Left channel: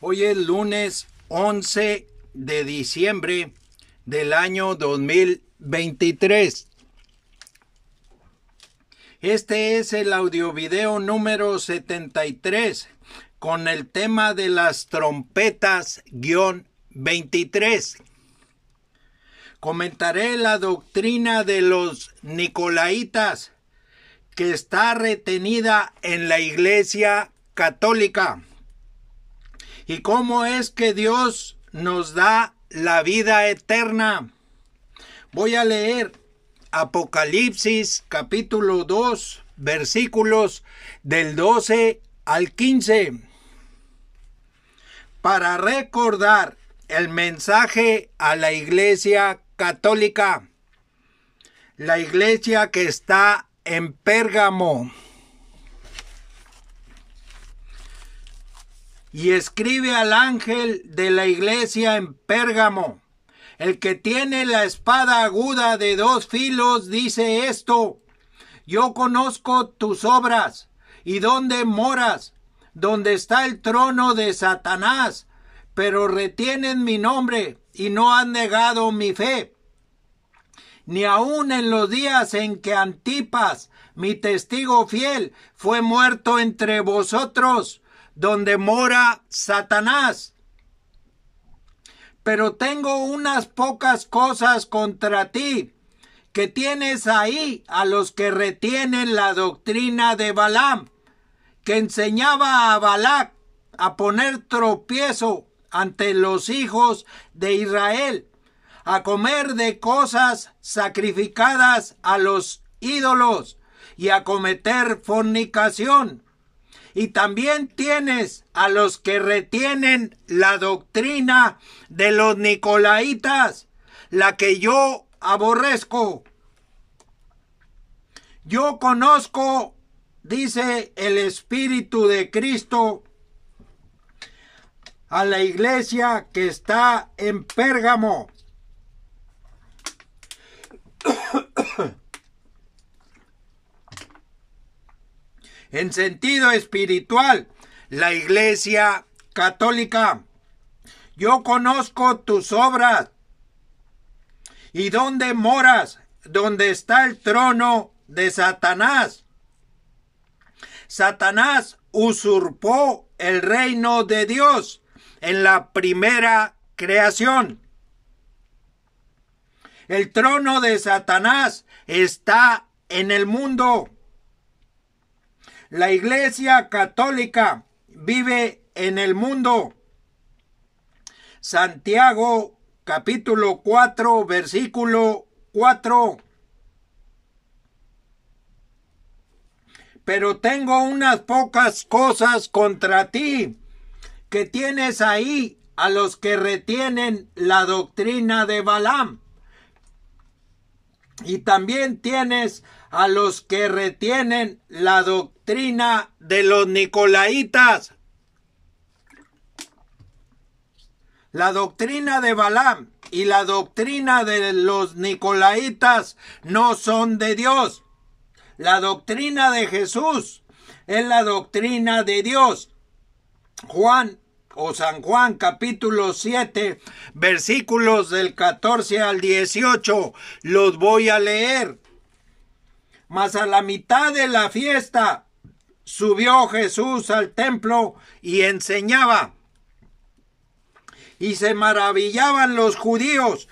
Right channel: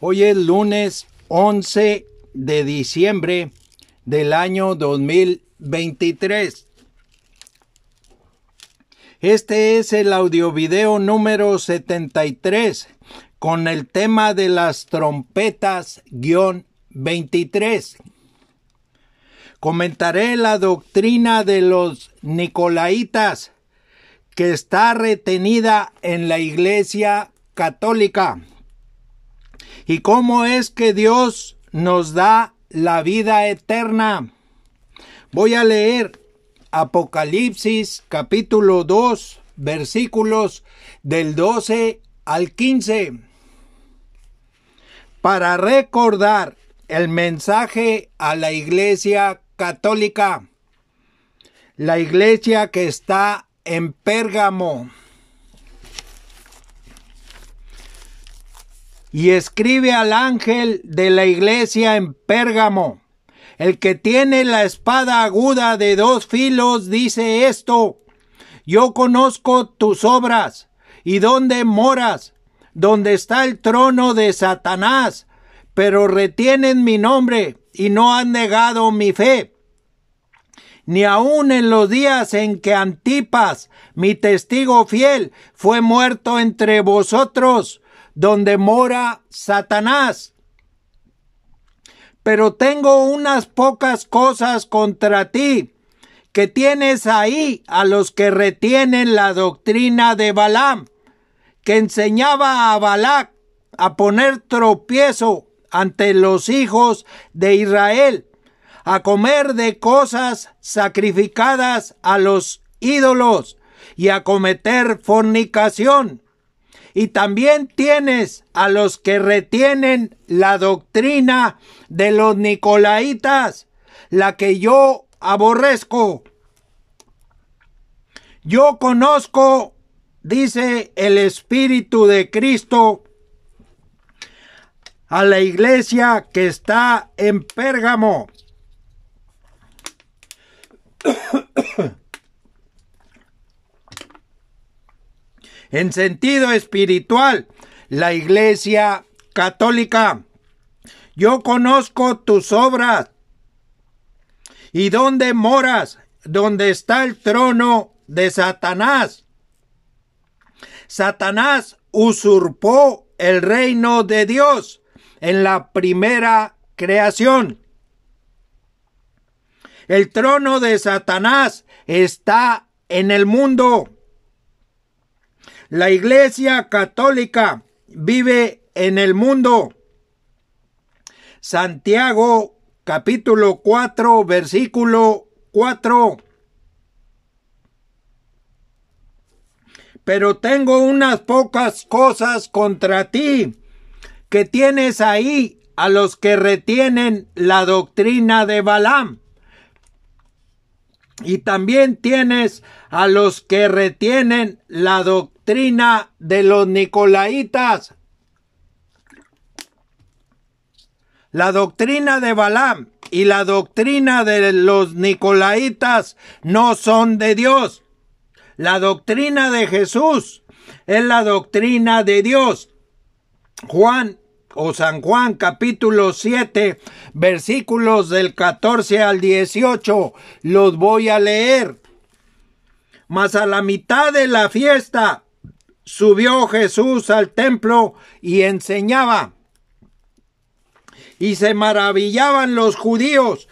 Hoy es lunes 11 de diciembre del año 2023. Este es el audiovideo número 73 con el tema de las trompetas-23. Comentaré la doctrina de los Nicolaitas que está retenida en la Iglesia Católica y cómo es que Dios nos da la vida eterna. Voy a leer Apocalipsis capítulo 2 versículos del 12 al 15 para recordar el mensaje a la Iglesia Católica, la iglesia que está en Pérgamo. Y escribe al ángel de la iglesia en Pérgamo: el que tiene la espada aguda de 2 filos dice esto: yo conozco tus obras y dónde moras, donde está el trono de Satanás, pero retienen mi nombre y no han negado mi fe. Ni aun en los días en que Antipas, mi testigo fiel, fue muerto entre vosotros, donde mora Satanás. Pero tengo unas pocas cosas contra ti, que tienes ahí a los que retienen la doctrina de Balaam, que enseñaba a Balac a poner tropiezo ante los hijos de Israel, a comer de cosas sacrificadas a los ídolos y a cometer fornicación. Y también tienes a los que retienen la doctrina de los Nicolaitas, la que yo aborrezco. Yo conozco, dice el Espíritu de Cristo, a la iglesia que está en Pérgamo. En sentido espiritual, la Iglesia Católica. Yo conozco tus obras y dónde moras, donde está el trono de Satanás. Satanás usurpó el reino de Dios en la primera creación. El trono de Satanás está en el mundo. La Iglesia Católica vive en el mundo. Santiago capítulo 4 versículo 4. Pero tengo unas pocas cosas contra ti, que tienes ahí a los que retienen la doctrina de Balaam. Y también tienes a los que retienen la doctrina de los Nicolaitas. La doctrina de Balaam y la doctrina de los Nicolaitas no son de Dios. La doctrina de Jesús es la doctrina de Dios. San Juan capítulo 7 versículos del 14 al 18 los voy a leer. Mas a la mitad de la fiesta subió Jesús al templo y enseñaba. Y se maravillaban los judíos,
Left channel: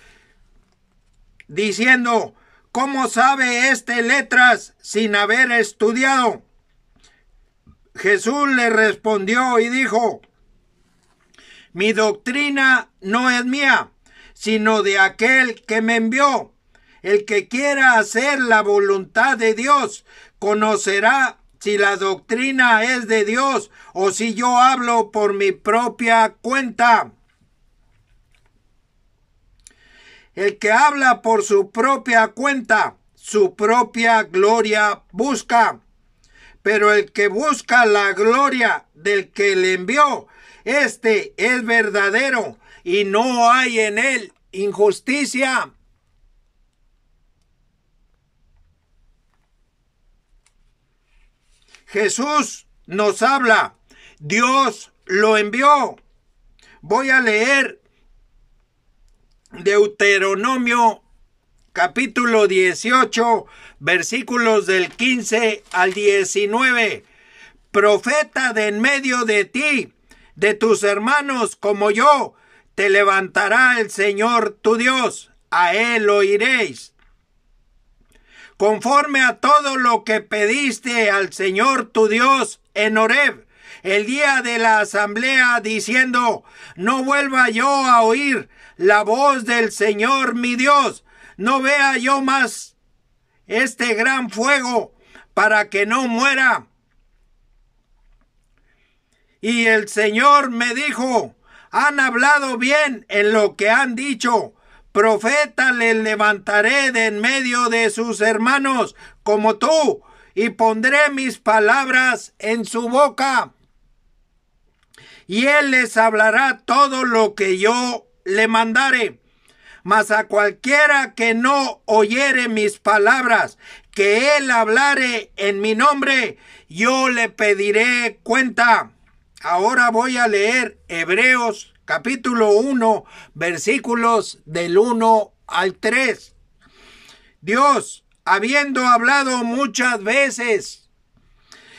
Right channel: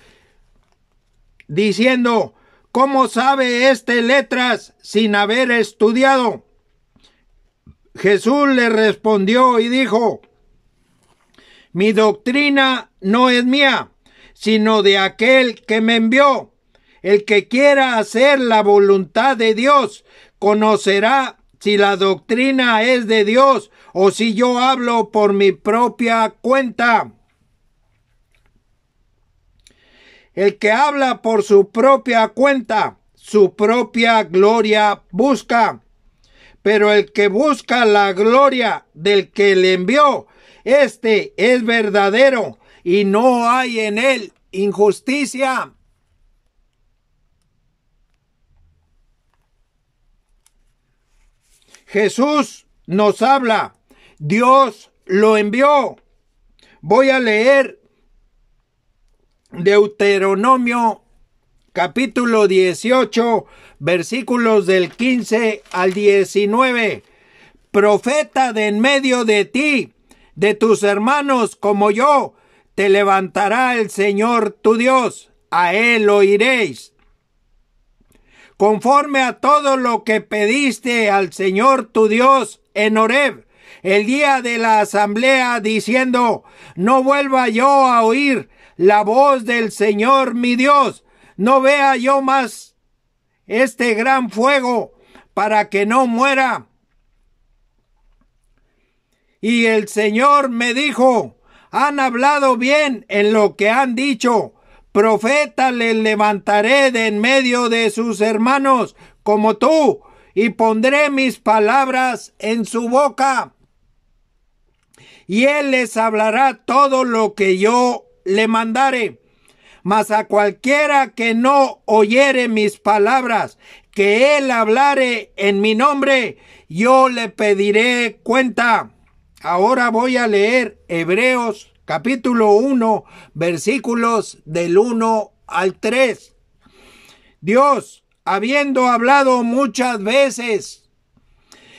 diciendo: ¿cómo sabe este letras sin haber estudiado? Jesús le respondió y dijo: mi doctrina no es mía, sino de aquel que me envió. El que quiera hacer la voluntad de Dios conocerá si la doctrina es de Dios o si yo hablo por mi propia cuenta. El que habla por su propia cuenta, su propia gloria busca. Pero el que busca la gloria del que le envió, este es verdadero y no hay en él injusticia. Jesús nos habla, Dios lo envió. Voy a leer Deuteronomio capítulo 18, versículos del 15 al 19. Profeta de en medio de ti, de tus hermanos como yo, te levantará el Señor tu Dios, a él oiréis. Conforme a todo lo que pediste al Señor tu Dios en Horeb, el día de la asamblea, diciendo, no vuelva yo a oír la voz del Señor mi Dios, no vea yo más este gran fuego, para que no muera. Y el Señor me dijo, han hablado bien en lo que han dicho, profeta le levantaré de en medio de sus hermanos como tú, y pondré mis palabras en su boca. Y él les hablará todo lo que yo le mandare. Mas a cualquiera que no oyere mis palabras, que él hablare en mi nombre, yo le pediré cuenta. Ahora voy a leer Hebreos capítulo 1, versículos del 1 al 3. Dios, habiendo hablado muchas veces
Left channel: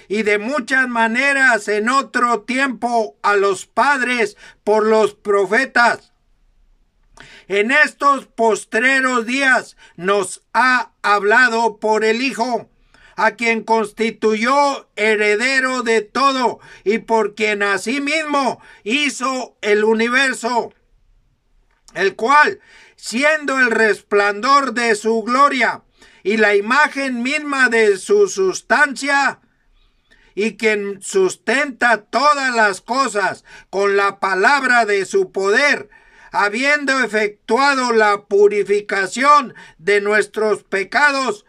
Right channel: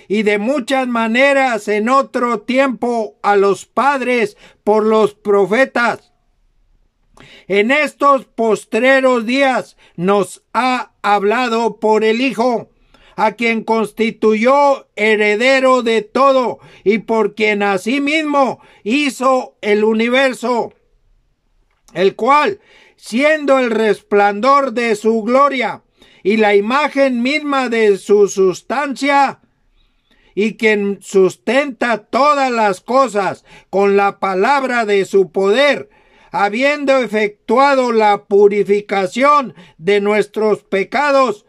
y de muchas maneras en otro tiempo a los padres por los profetas, en estos postreros días nos ha hablado por el Hijo, a quien constituyó heredero de todo y por quien asimismo hizo el universo, el cual, siendo el resplandor de su gloria y la imagen misma de su sustancia, y quien sustenta todas las cosas con la palabra de su poder, habiendo efectuado la purificación de nuestros pecados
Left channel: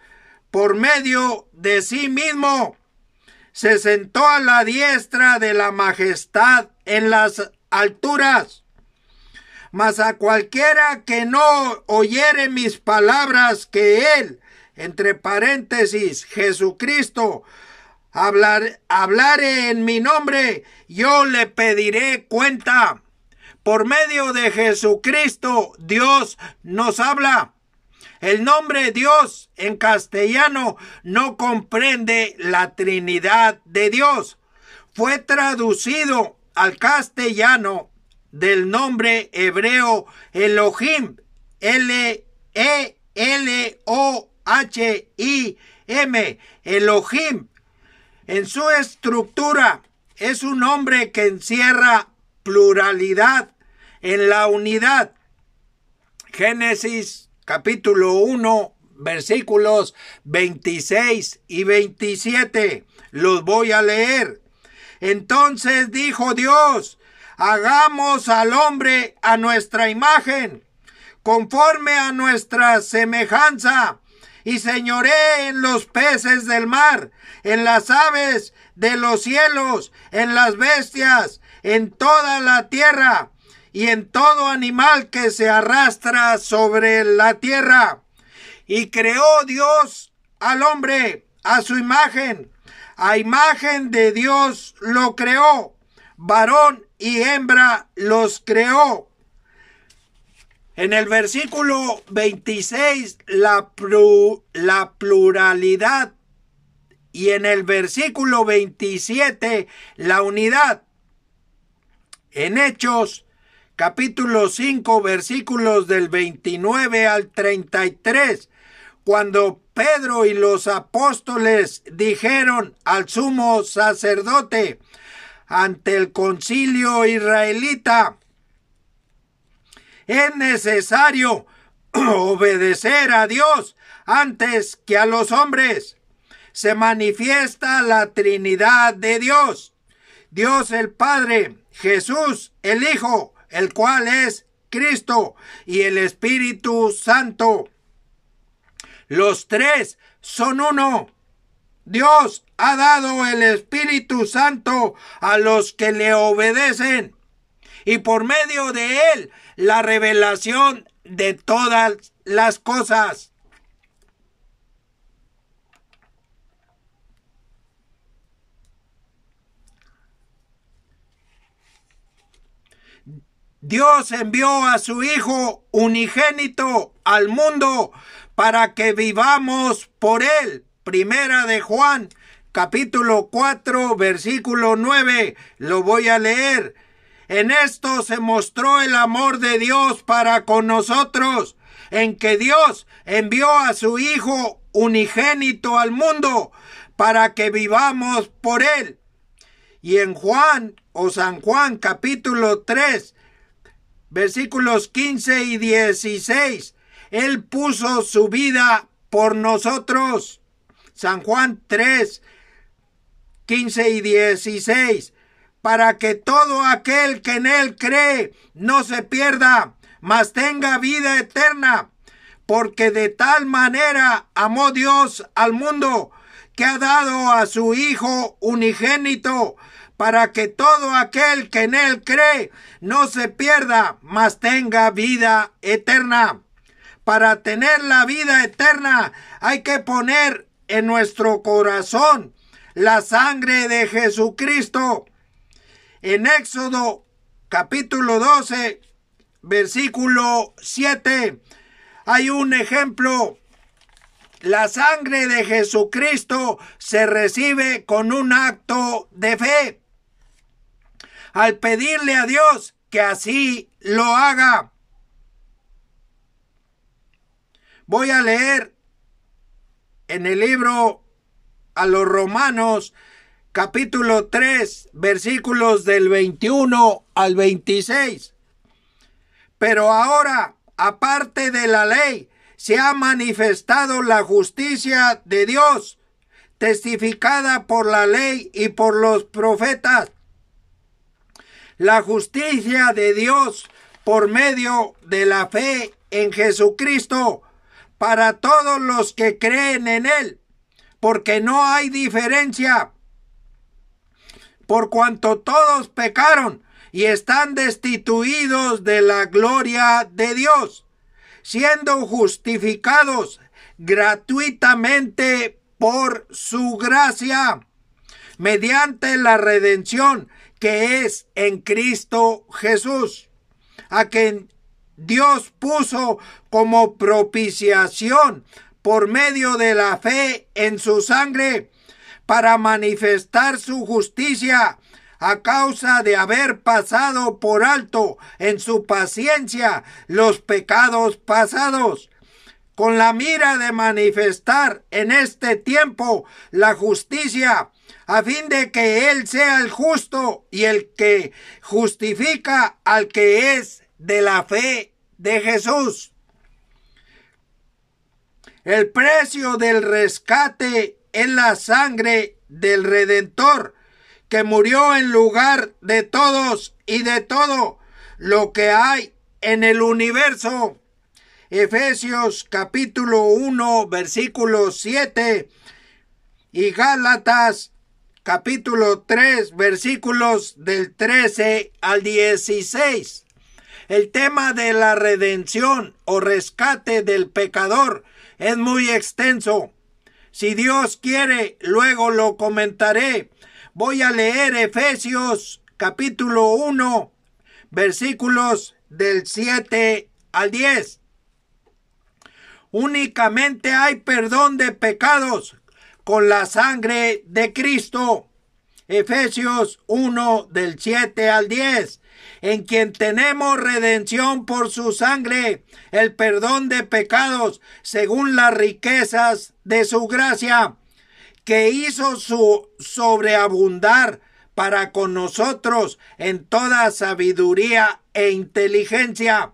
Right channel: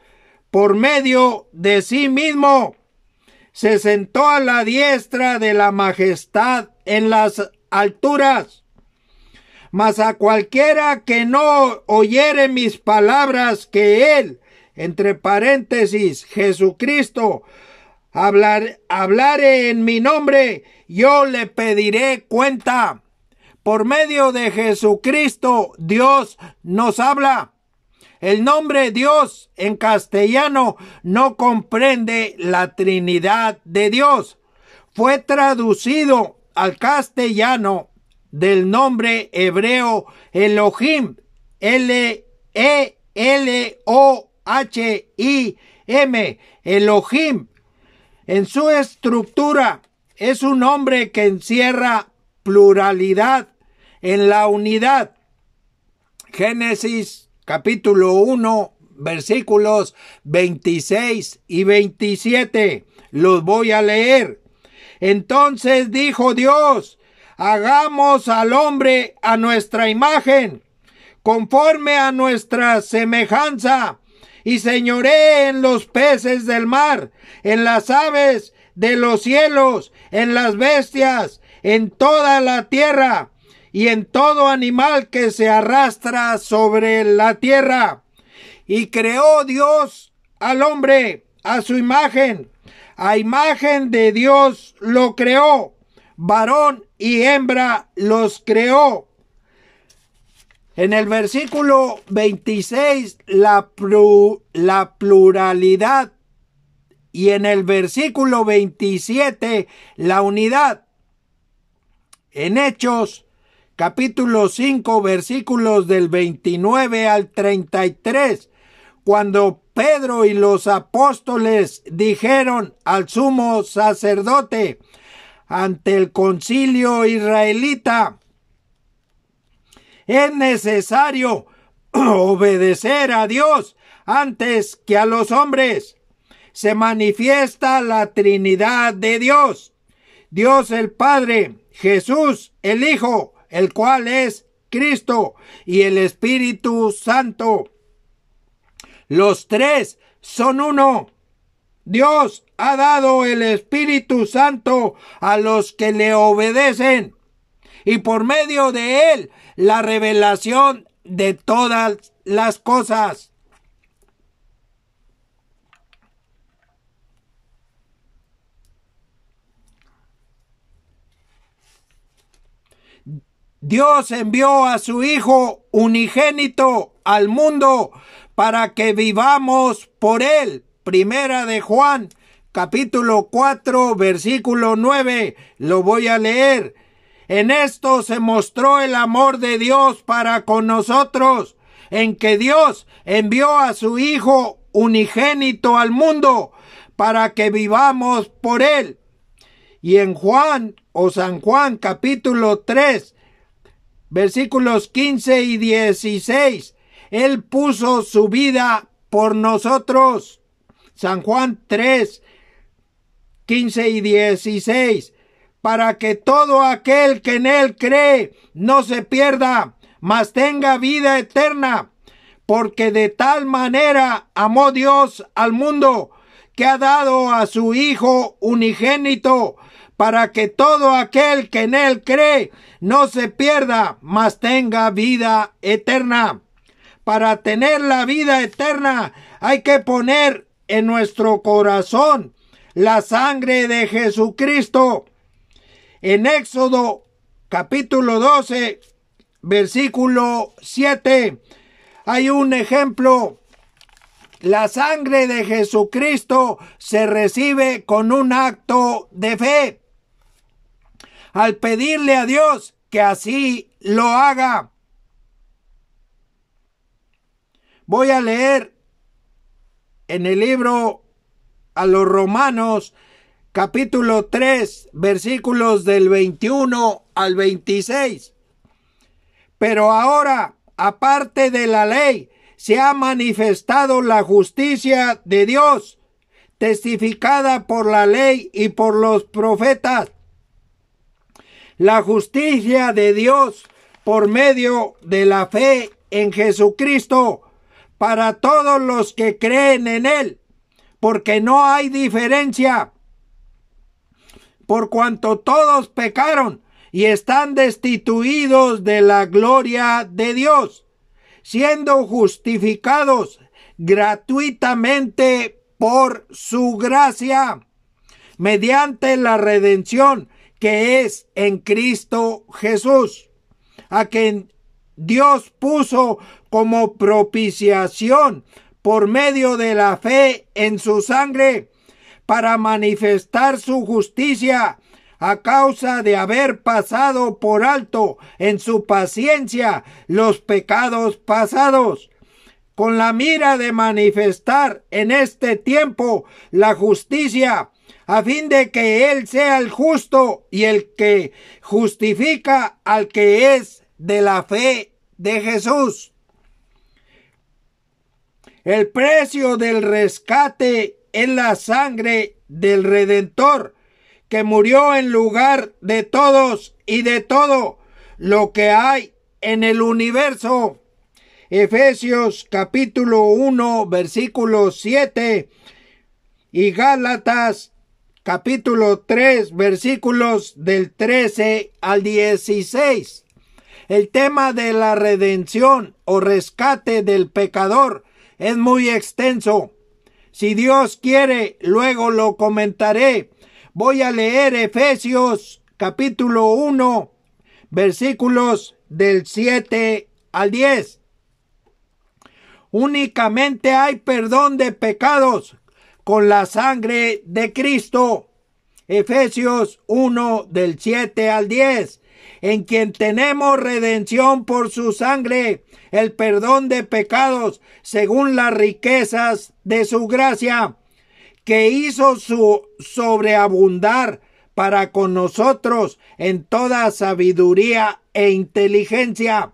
por medio de sí mismo, se sentó a la diestra de la majestad en las alturas. Mas a cualquiera que no oyere mis palabras, que él, entre paréntesis, Jesucristo, hablare en mi nombre, yo le pediré cuenta. Por medio de Jesucristo, Dios nos habla. El nombre Dios en castellano no comprende la Trinidad de Dios. Fue traducido al castellano del nombre hebreo Elohim, Elohim, Elohim. En su estructura es un nombre que encierra pluralidad en la unidad. Génesis capítulo 1, versículos 26 y 27. Los voy a leer. Entonces dijo Dios, hagamos al hombre a nuestra imagen, conforme a nuestra semejanza, y señoree en los peces del mar, en las aves de los cielos, en las bestias, en toda la tierra, y en todo animal que se arrastra sobre la tierra. Y creó Dios al hombre a su imagen. A imagen de Dios lo creó. Varón y hembra los creó. En el versículo 26, la pluralidad. Y en el versículo 27, la unidad. En Hechos capítulo 5, versículos del 29 al 33, cuando Pedro y los apóstoles dijeron al sumo sacerdote ante el concilio israelita, es necesario obedecer a Dios antes que a los hombres. Se manifiesta la Trinidad de Dios, Dios el Padre, Jesús el Hijo, el cual es Cristo, y el Espíritu Santo. Los tres son uno. Dios ha dado el Espíritu Santo a los que le obedecen, y por medio de él la revelación de todas las cosas. Dios envió a su Hijo unigénito al mundo para que vivamos por él. Primera de Juan, capítulo 4, versículo 9. Lo voy a leer. En esto se mostró el amor de Dios para con nosotros, en que Dios envió a su Hijo unigénito al mundo para que vivamos por él. Y en Juan o San Juan capítulo 3, versículos 15 y 16, Él puso su vida por nosotros. San Juan 3, 15 y 16, para que todo aquel que en Él cree no se pierda, mas tenga vida eterna. Porque de tal manera amó Dios al mundo, que ha dado a su Hijo unigénito, para que todo aquel que en Él cree no se pierda, mas tenga vida eterna. Para tener la vida eterna hay que poner en nuestro corazón la sangre de Jesucristo. En Éxodo capítulo 12, versículo 7, hay un ejemplo. La sangre de Jesucristo se recibe con un acto de fe, al pedirle a Dios que así lo haga. Voy a leer en el libro a los Romanos, capítulo 3, versículos del 21 al 26. Pero ahora, aparte de la ley, se ha manifestado la justicia de Dios, testificada por la ley y por los profetas. La justicia de Dios por medio de la fe en Jesucristo para todos los que creen en Él, porque no hay diferencia, por cuanto todos pecaron y están destituidos de la gloria de Dios, siendo justificados gratuitamente por su gracia, mediante la redención que es en Cristo Jesús, a quien Dios puso como propiciación por medio de la fe en su sangre, para manifestar su justicia a causa de haber pasado por alto en su paciencia los pecados pasados, con la mira de manifestar en este tiempo la justicia, a fin de que Él sea el justo y el que justifica al que es de la fe de Jesús. El precio del rescate es la sangre del Redentor, que murió en lugar de todos y de todo lo que hay en el universo. Efesios capítulo 1, versículo 7 y Gálatas capítulo 3, versículos del 13 al 16. El tema de la redención o rescate del pecador es muy extenso. Si Dios quiere, luego lo comentaré. Voy a leer Efesios capítulo 1, versículos del 7 al 10. Únicamente hay perdón de pecados con la sangre de Cristo. Efesios 1 del 7 al 10. En quien tenemos redención por su sangre, el perdón de pecados, según las riquezas de su gracia, que hizo su sobreabundar para con nosotros en toda sabiduría e inteligencia,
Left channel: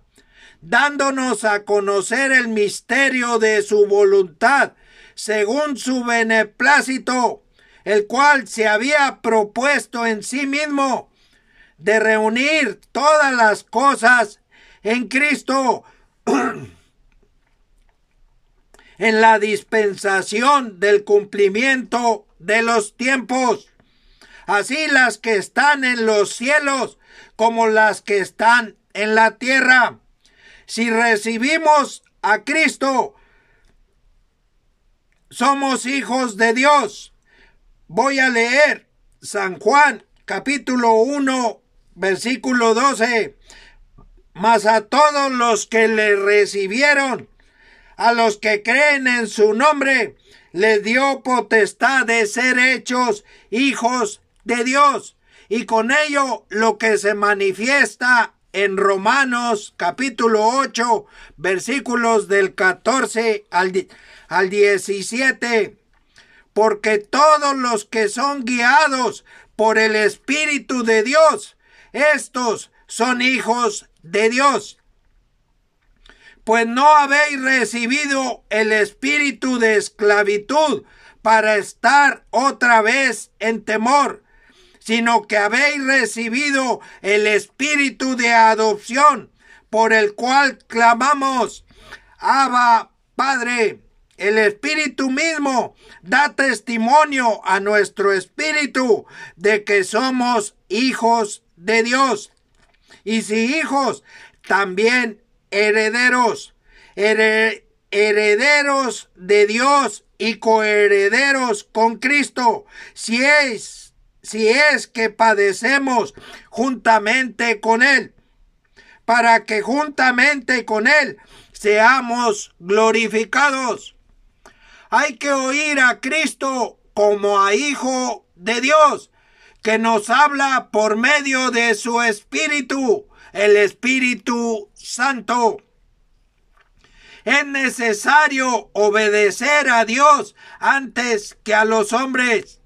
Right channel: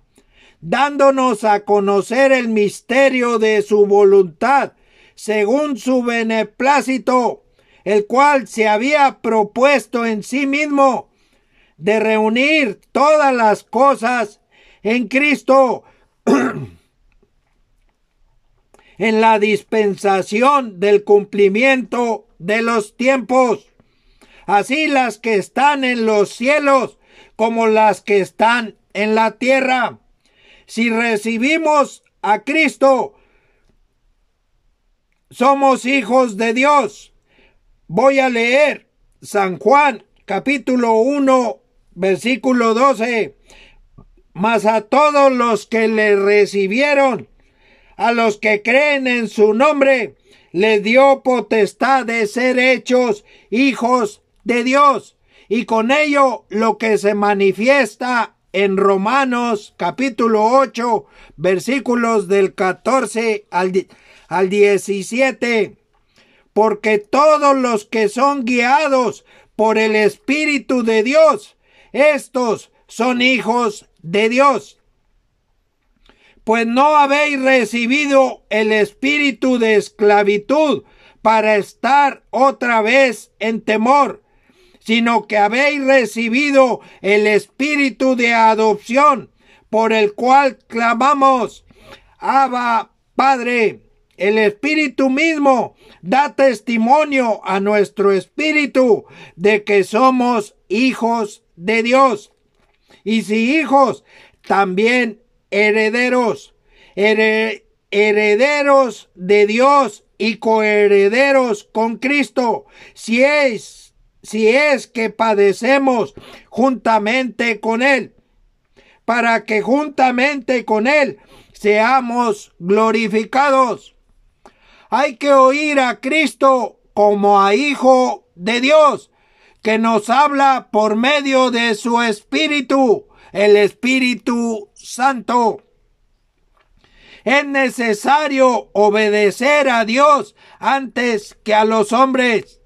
dándonos a conocer el misterio de su voluntad, según su beneplácito, el cual se había propuesto en sí mismo, de reunir todas las cosas en Cristo, en la dispensación del cumplimiento de los tiempos, así las que están en los cielos como las que están en la tierra. Si recibimos a Cristo, somos hijos de Dios. Voy a leer San Juan capítulo 1, versículo 12. mas a todos los que le recibieron, a los que creen en su nombre, les dio potestad de ser hechos hijos de Dios. Y con ello lo que se manifiesta en Romanos capítulo 8, versículos del 14 al 17. Porque todos los que son guiados por el Espíritu de Dios, estos son hijos de Dios. Pues no habéis recibido el espíritu de esclavitud para estar otra vez en temor, sino que habéis recibido el espíritu de adopción, por el cual clamamos, Abba, Padre. El Espíritu mismo da testimonio a nuestro espíritu de que somos hijos de Dios. Y si hijos, también herederos, herederos de Dios y coherederos con Cristo, si es que padecemos juntamente con Él, para que juntamente con Él seamos glorificados. Hay que oír a Cristo como a Hijo de Dios, que nos habla por medio de su Espíritu, el Espíritu Santo. Es necesario obedecer a Dios antes que a los hombres.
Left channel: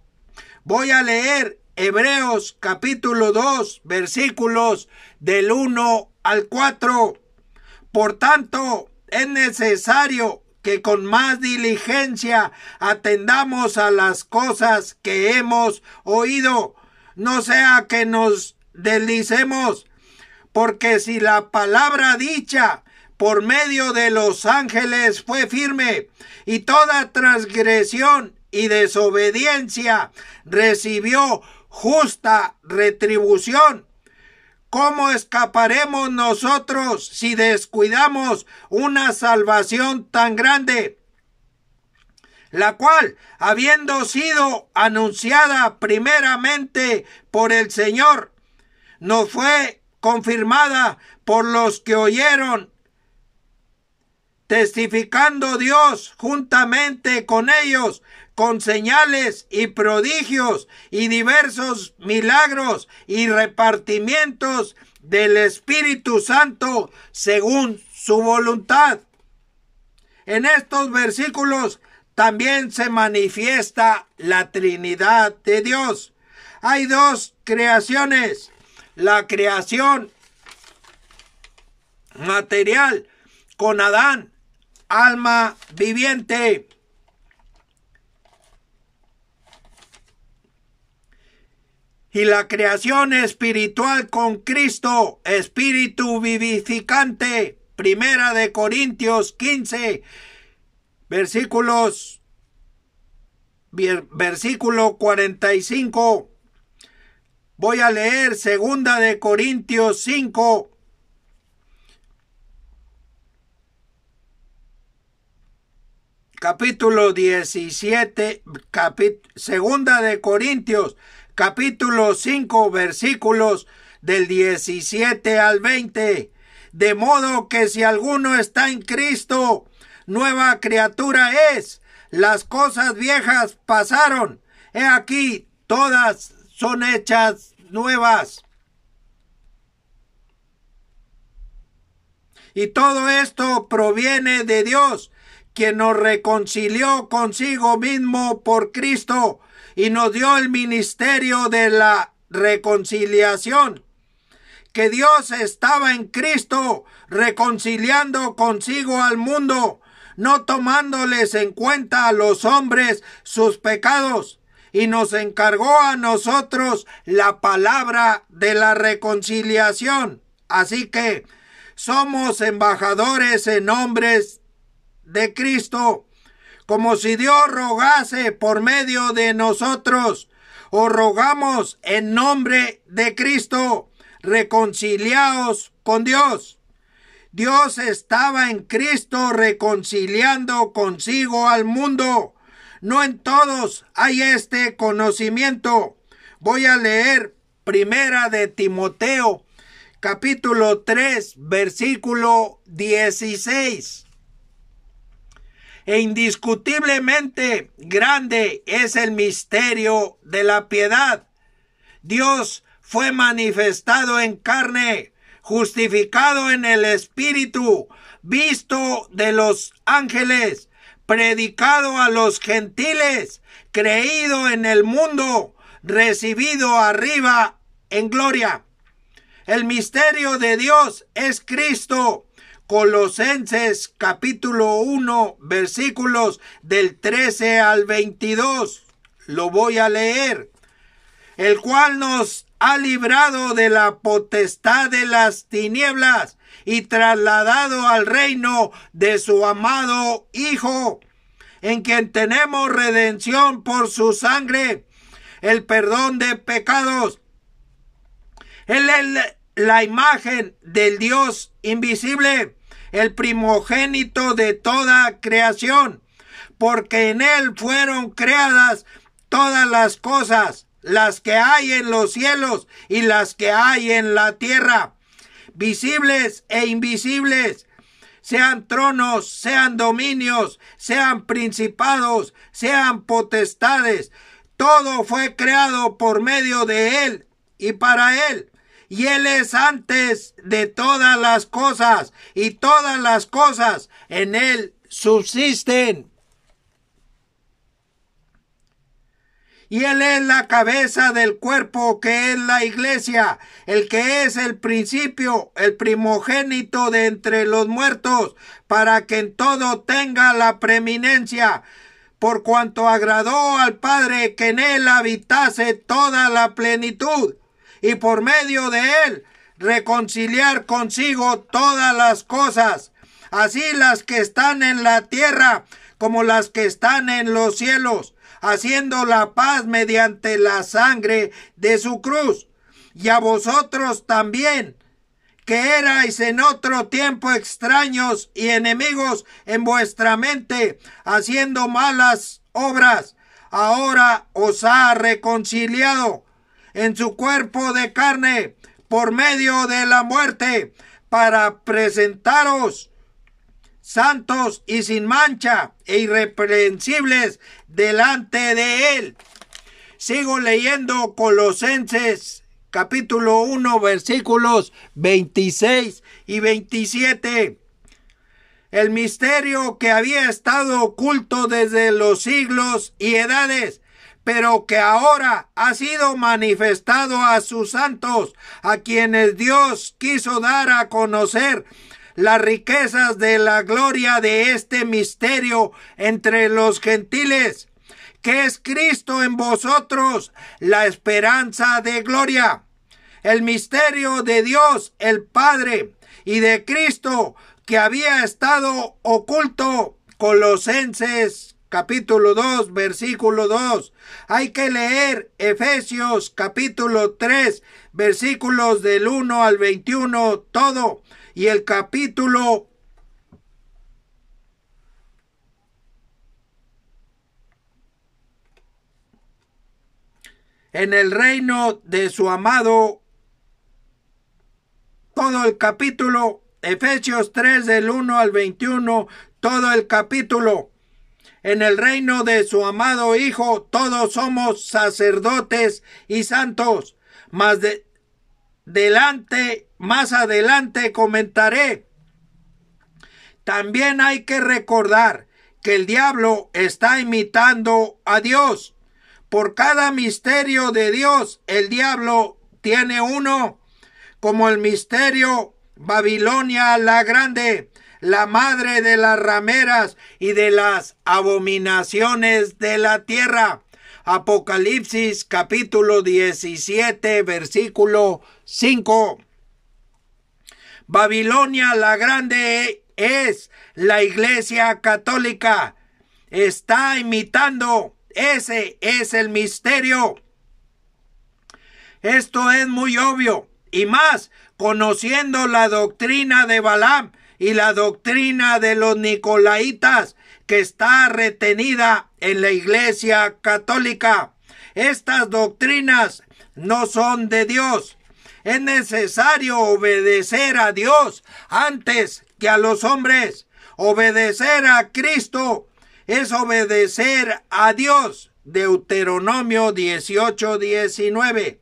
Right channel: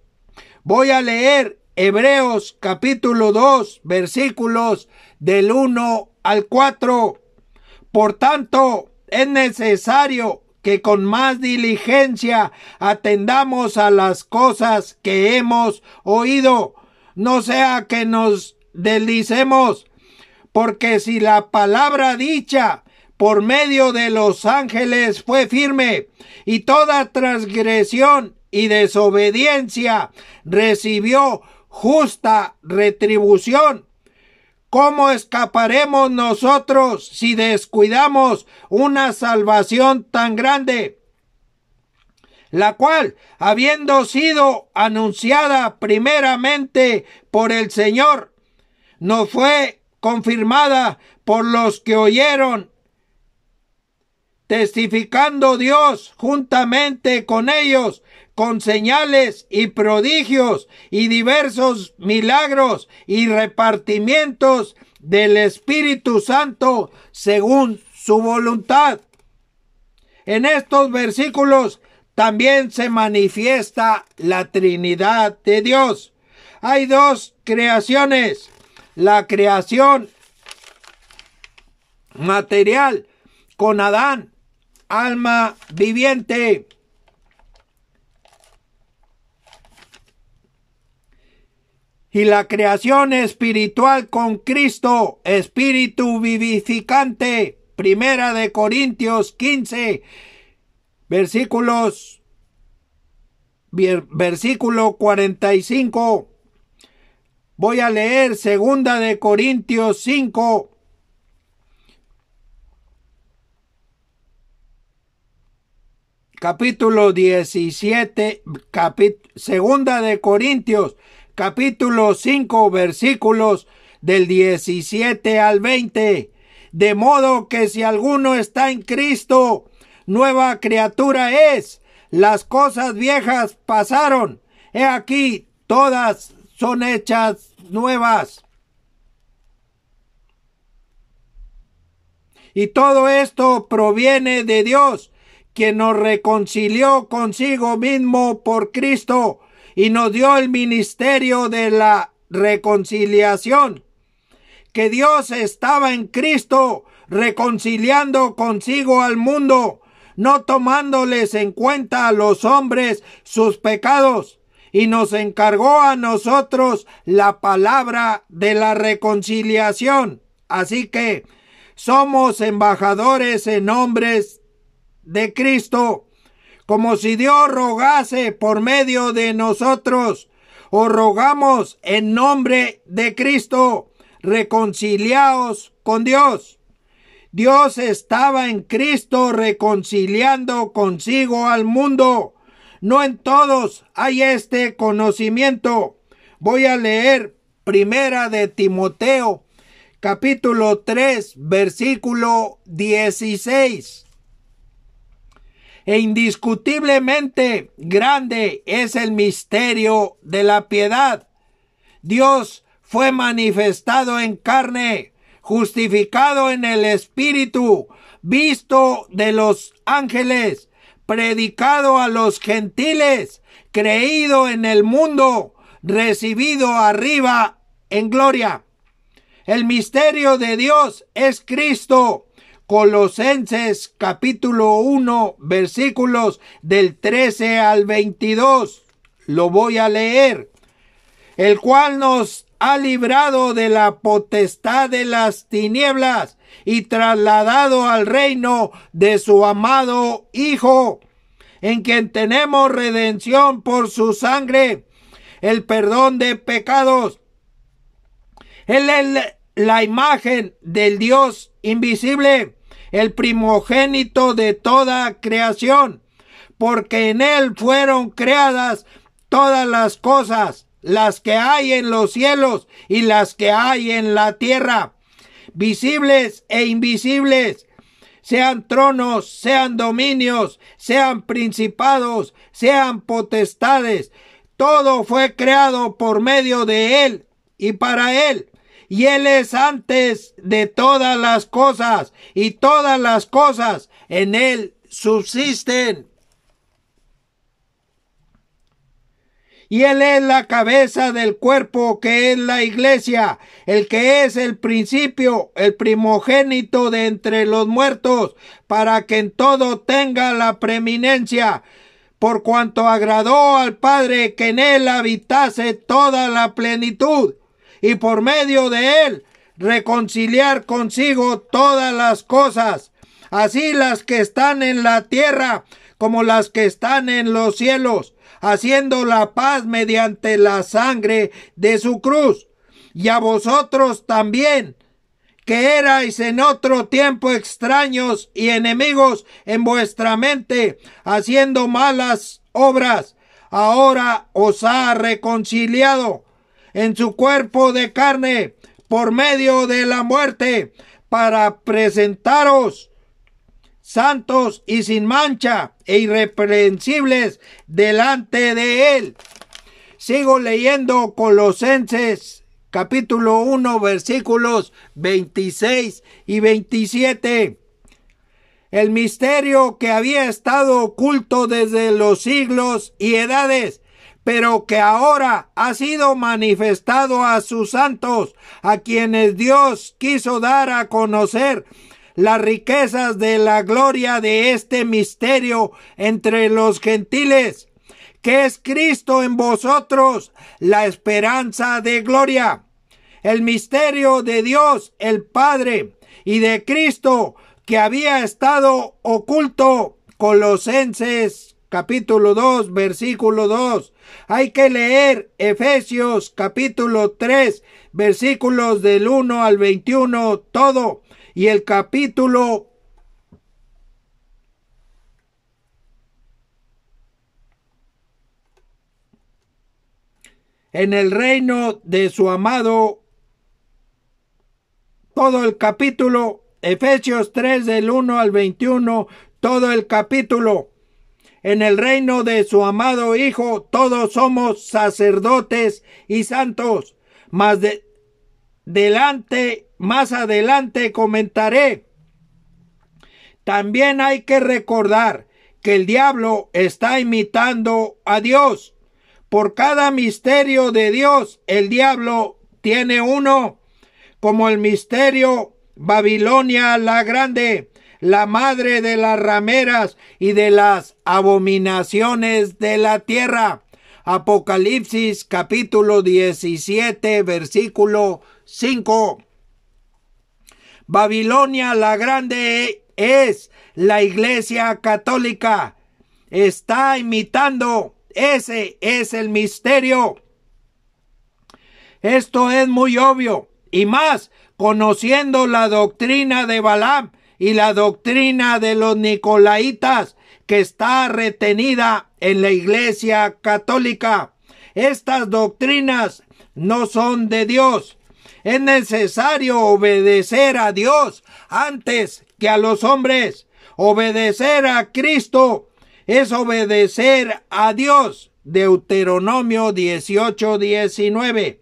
Voy a leer Hebreos capítulo 2, versículos del 1 al 4. Por tanto, es necesario que con más diligencia atendamos a las cosas que hemos oído, no sea que nos deslicemos, porque si la palabra dicha por medio de los ángeles fue firme, y toda transgresión y desobediencia recibió justa retribución, ¿cómo escaparemos nosotros si descuidamos una salvación tan grande, la cual, habiendo sido anunciada primeramente por el Señor, nos fue confirmada por los que oyeron, testificando Dios juntamente con ellos, con señales y prodigios y diversos milagros y repartimientos del Espíritu Santo según su voluntad? En estos versículos también se manifiesta la Trinidad de Dios. Hay dos creaciones: la creación material con Adán, alma viviente, y la creación espiritual con Cristo, espíritu vivificante. Primera de Corintios 15, versículo 45. Voy a leer Segunda de Corintios 5, capítulo 17, Segunda de Corintios, capítulo 5, versículos del 17 al 20. De modo que si alguno está en Cristo, nueva criatura es. Las cosas viejas pasaron, he aquí, todas son hechas nuevas. Y todo esto proviene de Dios, quien nos reconcilió consigo mismo por Cristo y nos dio el ministerio de la reconciliación. Que Dios estaba en Cristo reconciliando consigo al mundo, no tomándoles en cuenta a los hombres sus pecados, y nos encargó a nosotros la palabra de la reconciliación. Así que somos embajadores en nombre de Cristo, como si Dios rogase por medio de nosotros. Os rogamos en nombre de Cristo, reconciliaos con Dios. Dios estaba en Cristo reconciliando consigo al mundo. No en todos hay este conocimiento. Voy a leer Primera de Timoteo, capítulo 3, versículo 16. E indiscutiblemente grande es el misterio de la piedad. Dios fue manifestado en carne, justificado en el Espíritu, visto de los ángeles, predicado a los gentiles, creído en el mundo, recibido arriba en gloria. El misterio de Dios es Cristo. Colosenses capítulo 1, versículos del 13 al 22. Lo voy a leer. El cual nos ha librado de la potestad de las tinieblas y trasladado al reino de su amado Hijo, en quien tenemos redención por su sangre, el perdón de pecados. Él es la imagen del Dios invisible, el primogénito de toda creación, porque en él fueron creadas todas las cosas, las que hay en los cielos y las que hay en la tierra, visibles e invisibles, sean tronos, sean dominios, sean principados, sean potestades. Todo fue creado por medio de él y para él. Y él es antes de todas las cosas, y todas las cosas en él subsisten. Y él es la cabeza del cuerpo, que es la iglesia, el que es el principio, el primogénito de entre los muertos, para que en todo tenga la preeminencia, por cuanto agradó al Padre que en él habitase toda la plenitud, y por medio de él reconciliar consigo todas las cosas, así las que están en la tierra como las que están en los cielos, haciendo la paz mediante la sangre de su cruz. Y a vosotros también, que erais en otro tiempo extraños y enemigos en vuestra mente, haciendo malas obras, ahora os ha reconciliado en su cuerpo de carne por medio de la muerte, para presentaros santos y sin mancha e irreprensibles delante de él. Sigo leyendo Colosenses capítulo 1, versículos 26 y 27. El misterio que había estado oculto desde los siglos y edades, pero que ahora ha sido manifestado a sus santos, a quienes Dios quiso dar a conocer las riquezas de la gloria de este misterio entre los gentiles, que es Cristo en vosotros, la esperanza de gloria. El misterio de Dios el Padre y de Cristo, que había estado oculto. Colosenses capítulo 2, versículo 2. Hay que leer Efesios capítulo 3, versículos del 1 al 21, todo. Y el capítulo en el reino de su amado, todo el capítulo, Efesios 3 del 1 al 21, todo el capítulo. En el reino de su amado Hijo todos somos sacerdotes y santos, más adelante comentaré. También hay que recordar que el diablo está imitando a Dios. Por cada misterio de Dios, el diablo tiene uno, como el misterio Babilonia la Grande, la madre de las rameras y de las abominaciones de la tierra. Apocalipsis capítulo 17, versículo 5. Babilonia la Grande es la Iglesia Católica. Está imitando. Ese es el misterio. Esto es muy obvio, y más conociendo la doctrina de Balaam y la doctrina de los nicolaitas, que está retenida en la Iglesia Católica. Estas doctrinas no son de Dios. Es necesario obedecer a Dios antes que a los hombres. Obedecer a Cristo es obedecer a Dios. Deuteronomio 18:19.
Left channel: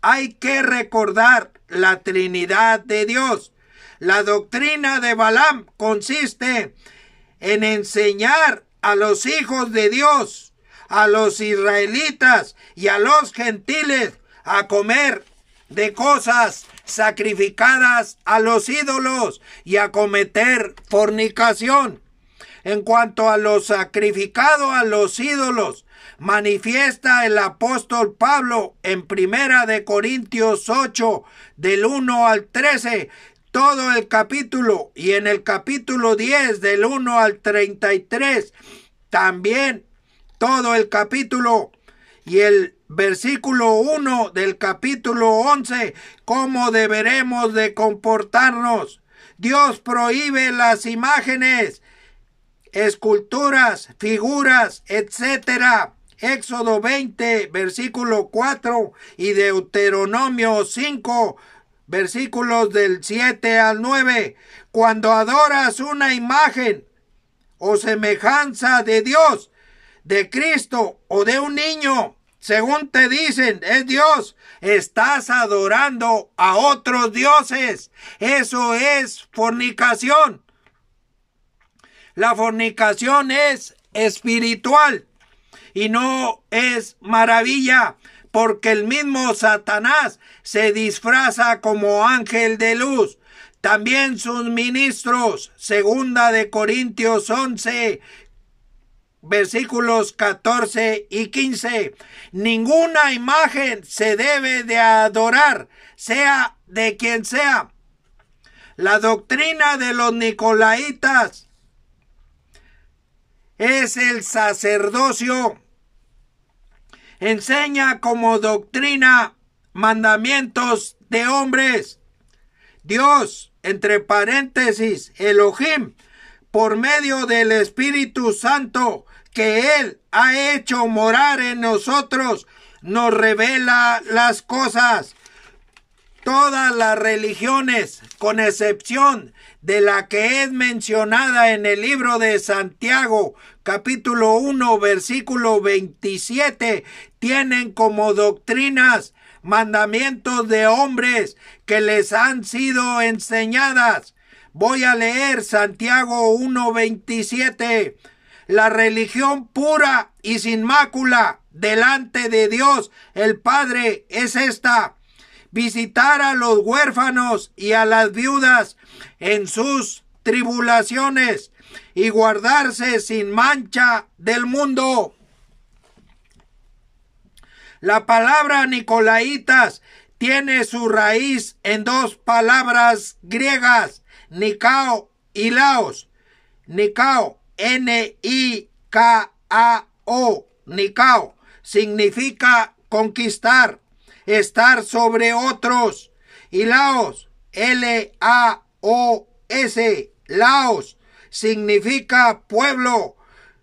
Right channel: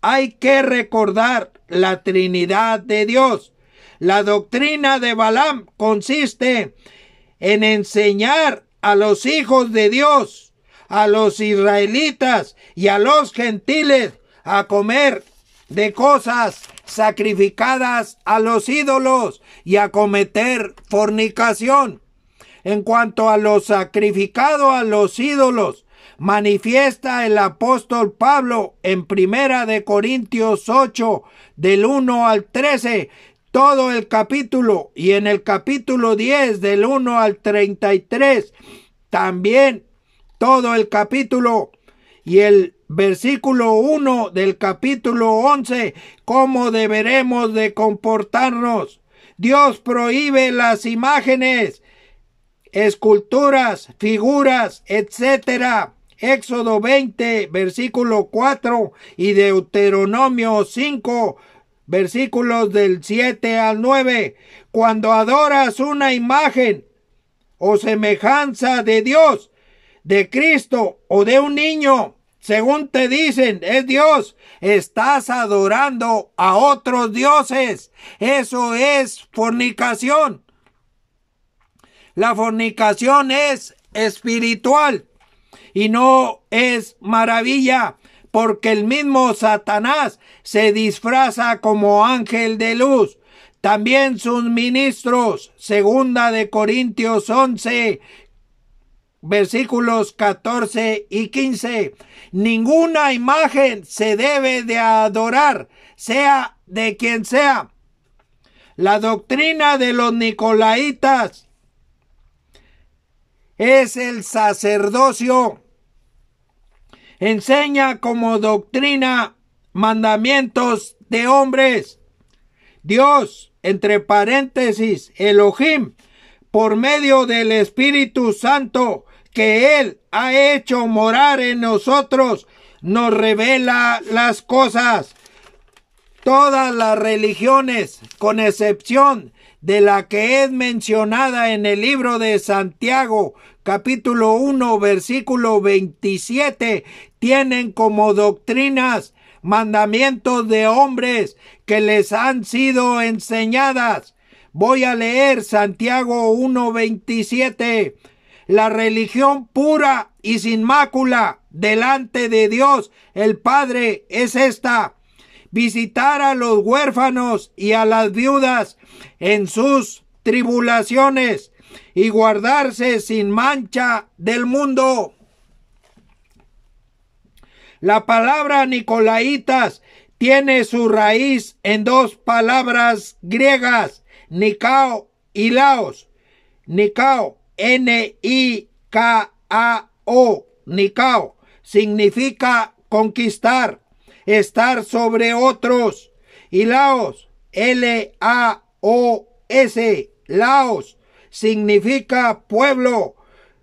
Hay que recordar la Trinidad de Dios. La doctrina de Balaam consiste en enseñar a los hijos de Dios, a los israelitas y a los gentiles a comer de cosas sacrificadas a los ídolos y a cometer fornicación. En cuanto a lo sacrificado a los ídolos, manifiesta el apóstol Pablo en 1 de Corintios 8, del 1 al 13, todo el capítulo, y en el capítulo 10, del 1 al 33, también todo el capítulo, y el versículo 1 del capítulo 11, cómo deberemos de comportarnos. Dios prohíbe las imágenes, esculturas, figuras, etc. Éxodo 20, versículo 4 y Deuteronomio 5, versículos del 7 al 9. Cuando adoras una imagen o semejanza de Dios, de Cristo o de un niño, según te dicen, es Dios, estás adorando a otros dioses. Eso es fornicación. La fornicación es espiritual y no es maravilla, porque el mismo Satanás se disfraza como ángel de luz. También sus ministros, 2 de Corintios 11, versículos 14 y 15. Ninguna imagen se debe de adorar, sea de quien sea. La doctrina de los nicolaitas es el sacerdocio. Enseña como doctrina mandamientos de hombres. Dios, entre paréntesis, Elohim, por medio del Espíritu Santo que Él ha hecho morar en nosotros, nos revela las cosas. Todas las religiones, con excepción de la que es mencionada en el libro de Santiago, capítulo 1, versículo 27, tienen como doctrinas mandamientos de hombres que les han sido enseñadas. Voy a leer Santiago 1, 27. La religión pura y sin mácula delante de Dios el Padre es esta: visitar a los huérfanos y a las viudas en sus tribulaciones y guardarse sin mancha del mundo. La palabra nicolaitas tiene su raíz en dos palabras griegas, Nikao y Laos. Nikao, N-I-K-A-O, Nikao, significa conquistar, estar sobre otros. Y Laos, L-A-O-S, Laos, significa pueblo,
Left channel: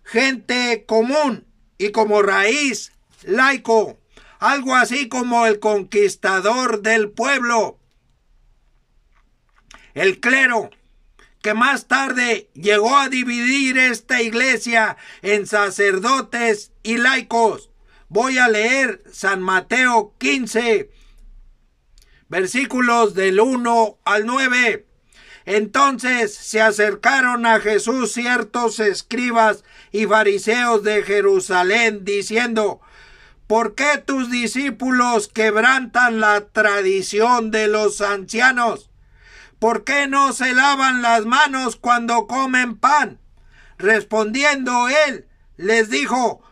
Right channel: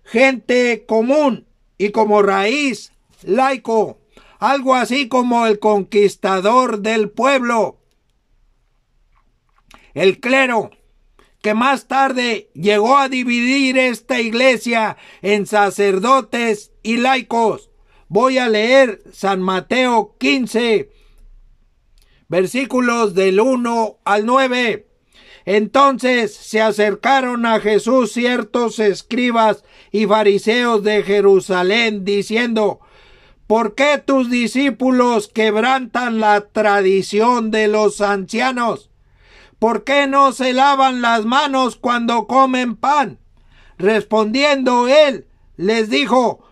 gente común, y como raíz, laico, algo así como el conquistador del pueblo. El clero, que más tarde llegó a dividir esta iglesia en sacerdotes y laicos. Voy a leer San Mateo 15, versículos del 1 al 9. Entonces se acercaron a Jesús ciertos escribas y fariseos de Jerusalén, diciendo: ¿por qué tus discípulos quebrantan la tradición de los ancianos? ¿Por qué no se lavan las manos cuando comen pan? Respondiendo él, les dijo:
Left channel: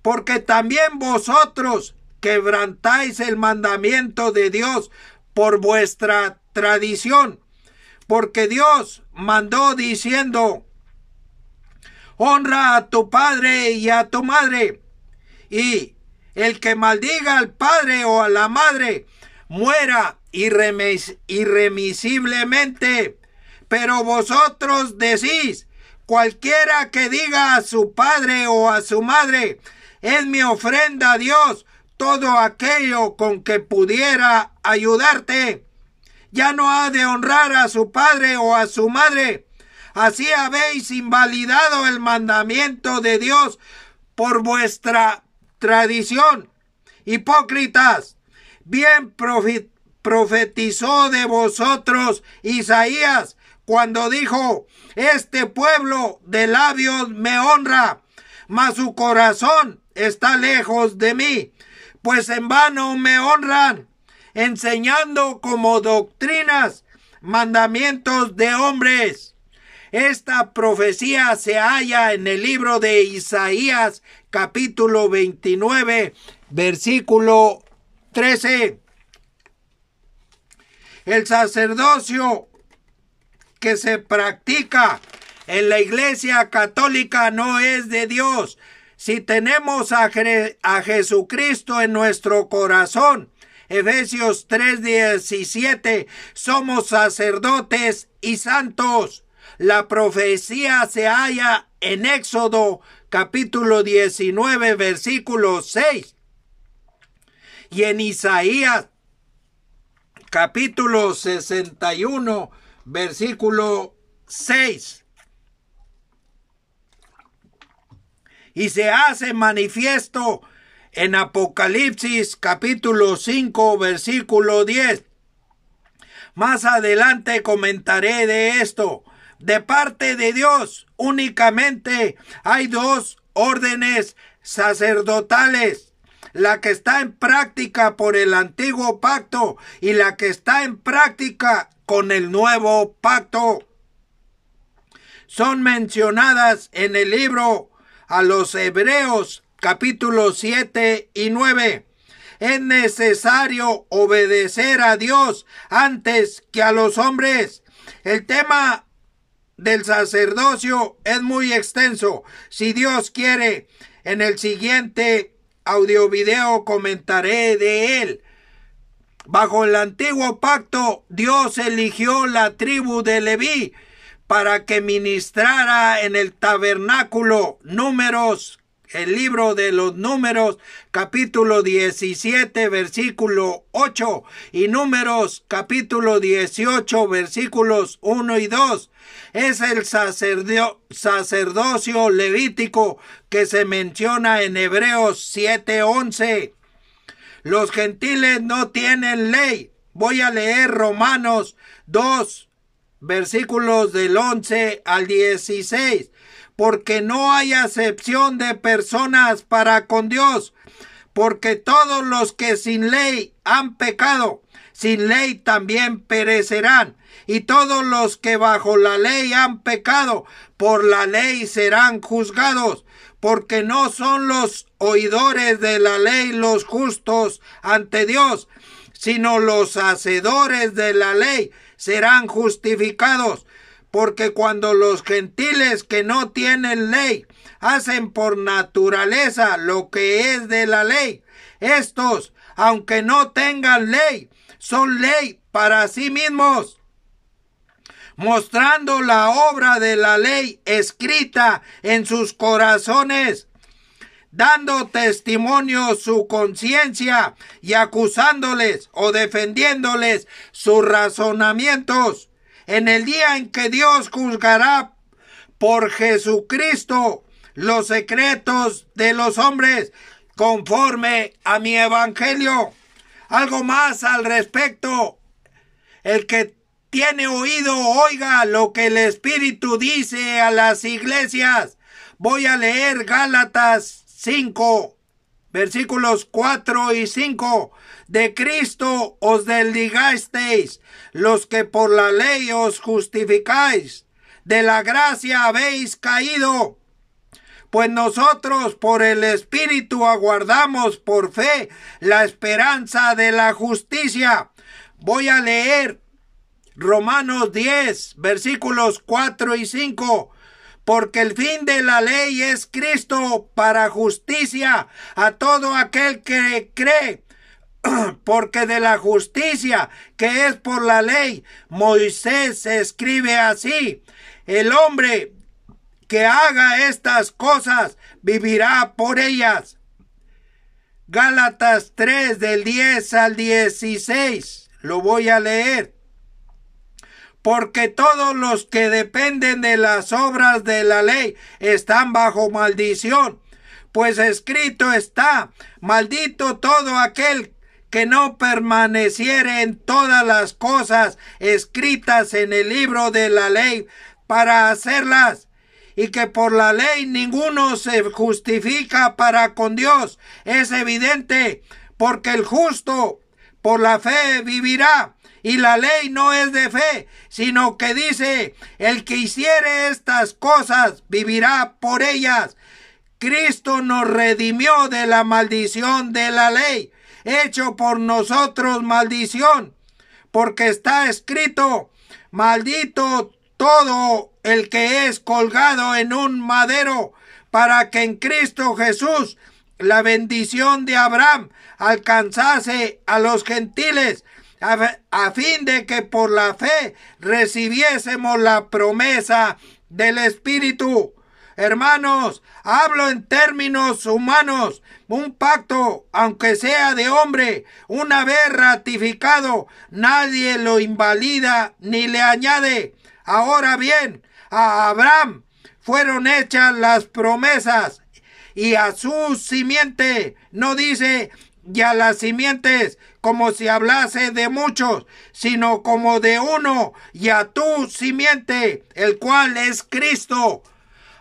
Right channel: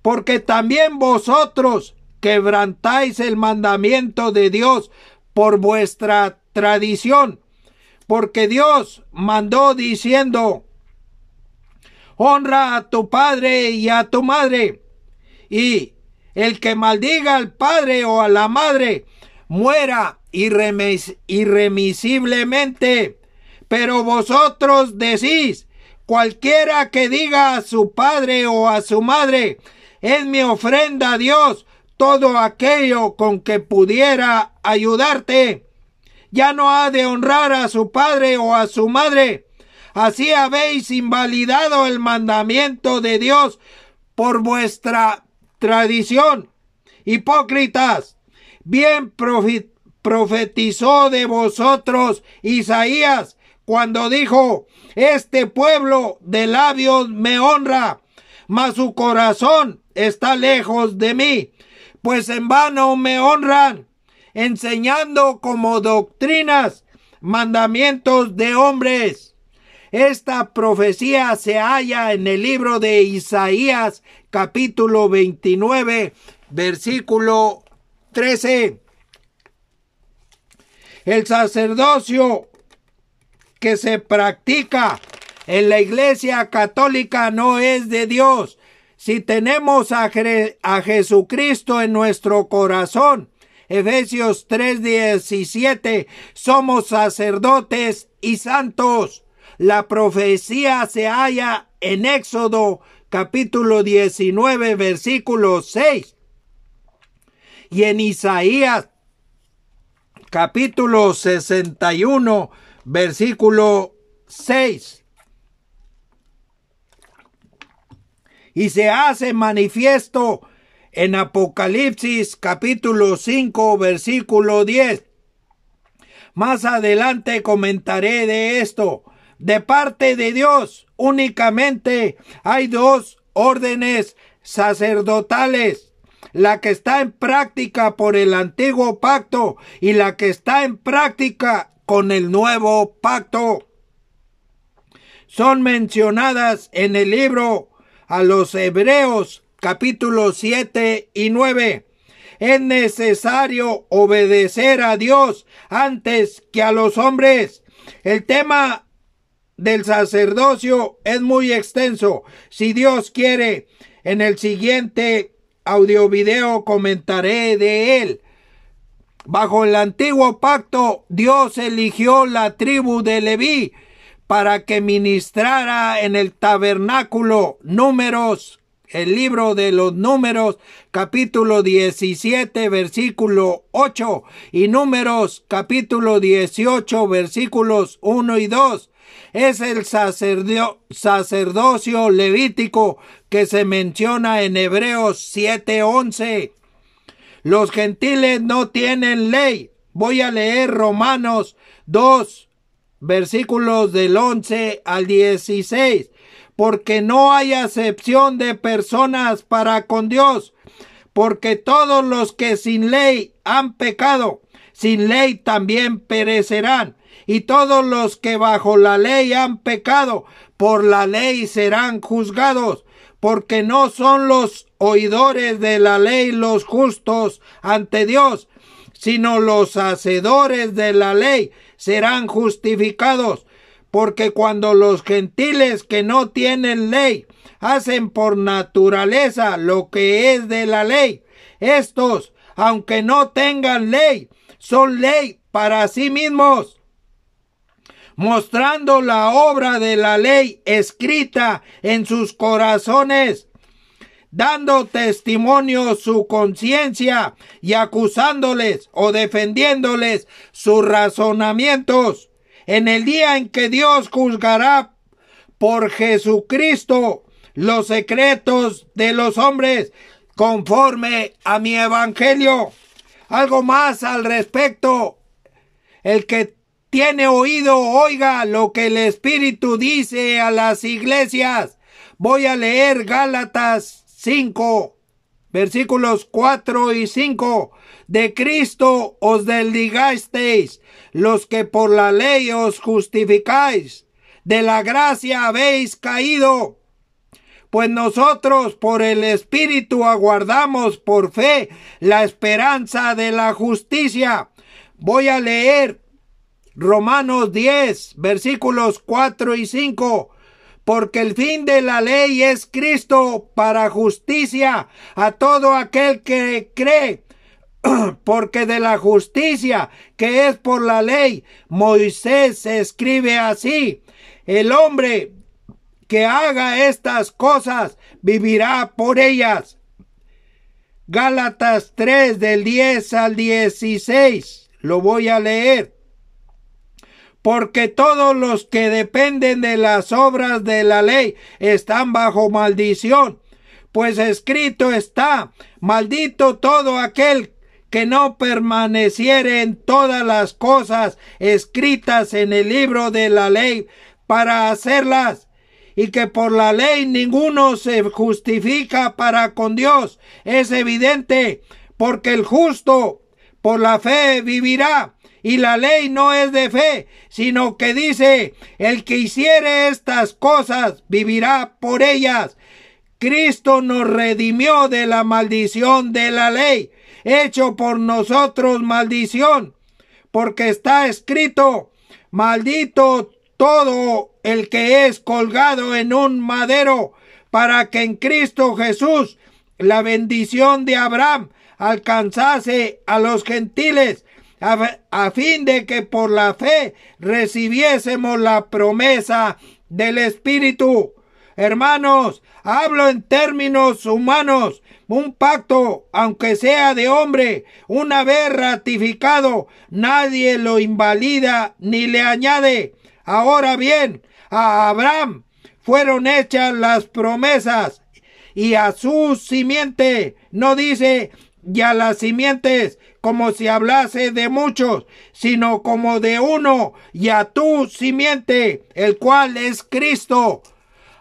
porque también vosotros quebrantáis el mandamiento de Dios por vuestra tradición. Porque Dios mandó diciendo: honra a tu padre y a tu madre, y el que maldiga al padre o a la madre muera irremisiblemente. Pero vosotros decís: cualquiera que diga a su padre o a su madre: es mi ofrenda a Dios, todo aquello con que pudiera ayudarte. Ya no ha de honrar a su padre o a su madre. Así habéis invalidado el mandamiento de Dios por vuestra tradición. Hipócritas, bien profetizó de vosotros Isaías cuando dijo: este pueblo de labios me honra, mas su corazón está lejos de mí, pues en vano me honran, enseñando como doctrinas mandamientos de hombres. Esta profecía se halla en el libro de Isaías, capítulo 29, versículo 13. El sacerdocio que se practica en la Iglesia Católica no es de Dios. Si tenemos a Jesucristo en nuestro corazón, Efesios 3:17, somos sacerdotes y santos. La profecía se halla en Éxodo capítulo 19 versículo 6 y en Isaías capítulo 61 versículo 6. Y se hace manifiesto en Apocalipsis capítulo 5 versículo 10. Más adelante comentaré de esto. De parte de Dios únicamente hay dos órdenes sacerdotales: la que está en práctica por el antiguo pacto y la que está en práctica con el nuevo pacto. Son mencionadas en el libro a los Hebreos capítulos 7 y 9. Es necesario obedecer a Dios antes que a los hombres. El tema del sacerdocio es muy extenso. Si Dios quiere, en el siguiente audio video comentaré de él. Bajo el antiguo pacto, Dios eligió la tribu de Leví para que ministrara en el tabernáculo. Números, el libro de los Números, capítulo 17, versículo 8, y Números, capítulo 18, versículos 1 y 2. Es el sacerdocio levítico que se menciona en Hebreos 7:11. Los gentiles no tienen ley. Voy a leer Romanos 2, versículos del 11 al 16. Porque no hay acepción de personas para con Dios, porque todos los que sin ley han pecado, sin ley también perecerán. Y todos los que bajo la ley han pecado, por la ley serán juzgados, porque no son los oidores de la ley los justos ante Dios, sino los hacedores de la ley serán justificados. Porque cuando los gentiles que no tienen ley hacen por naturaleza lo que es de la ley, estos, aunque no tengan ley, son ley para sí mismos, mostrando la obra de la ley escrita en sus corazones, dando testimonio su conciencia y acusándoles o defendiéndoles sus razonamientos. En el día en que Dios juzgará por Jesucristo los secretos de los hombres, conforme a mi evangelio. Algo más al respecto. El que tiene oído, oiga lo que el Espíritu dice a las iglesias. Voy a leer Gálatas 5, versículos 4 y 5. De Cristo os desligasteis, los que por la ley os justificáis. De la gracia habéis caído. Pues nosotros por el Espíritu aguardamos por fe la esperanza de la justicia. Voy a leer Romanos 10, versículos 4 y 5. Porque el fin de la ley es Cristo para justicia a todo aquel que cree. Porque de la justicia que es por la ley, Moisés escribe así: el hombre que haga estas cosas vivirá por ellas. Gálatas 3 del 10 al 16. Lo voy a leer. Porque todos los que dependen de las obras de la ley están bajo maldición. Pues escrito está: maldito todo aquel que no permaneciere en todas las cosas escritas en el libro de la ley para hacerlas. Y que por la ley ninguno se justifica para con Dios. Es evidente, porque el justo por la fe vivirá. Y la ley no es de fe, sino que dice: el que hiciere estas cosas vivirá por ellas. Cristo nos redimió de la maldición de la ley, hecho por nosotros maldición, porque está escrito: maldito todo el que es colgado en un madero, para que en Cristo Jesús la bendición de Abraham alcanzase a los gentiles, a fin de que por la fe recibiésemos la promesa del Espíritu. Hermanos, hablo en términos humanos. Un pacto, aunque sea de hombre, una vez ratificado, nadie lo invalida ni le añade. Ahora bien, a Abraham fueron hechas las promesas, y a su simiente, no dice y a las simientes, como si hablase de muchos, sino como de uno, y a tu simiente, el cual es Cristo.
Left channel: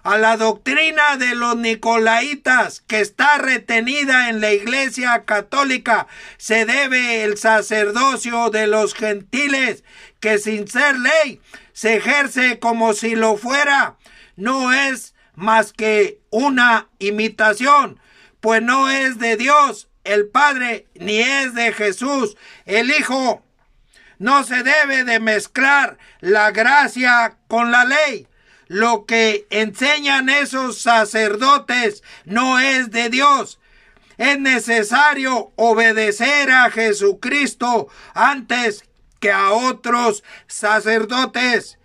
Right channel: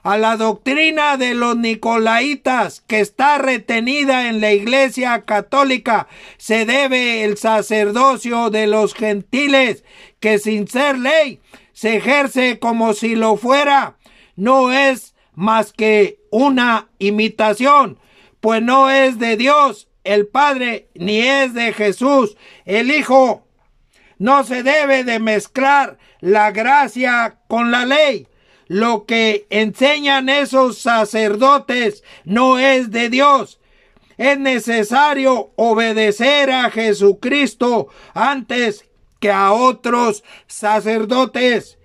A la doctrina de los nicolaitas, que está retenida en la Iglesia Católica, se debe el sacerdocio de los gentiles, que sin ser ley se ejerce como si lo fuera. No es más que una imitación, pues no es de Dios el Padre, ni es de Jesús el Hijo. No se debe de mezclar la gracia con la ley. Lo que enseñan esos sacerdotes no es de Dios. Es necesario obedecer a Jesucristo antes que a otros sacerdotes.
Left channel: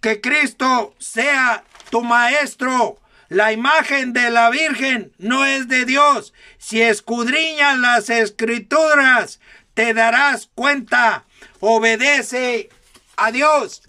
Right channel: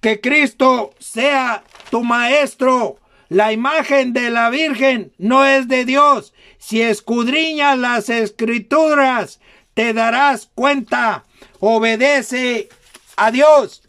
Que Cristo sea tu maestro. La imagen de la Virgen no es de Dios. Si escudriñas las Escrituras, te darás cuenta. Obedece a Dios.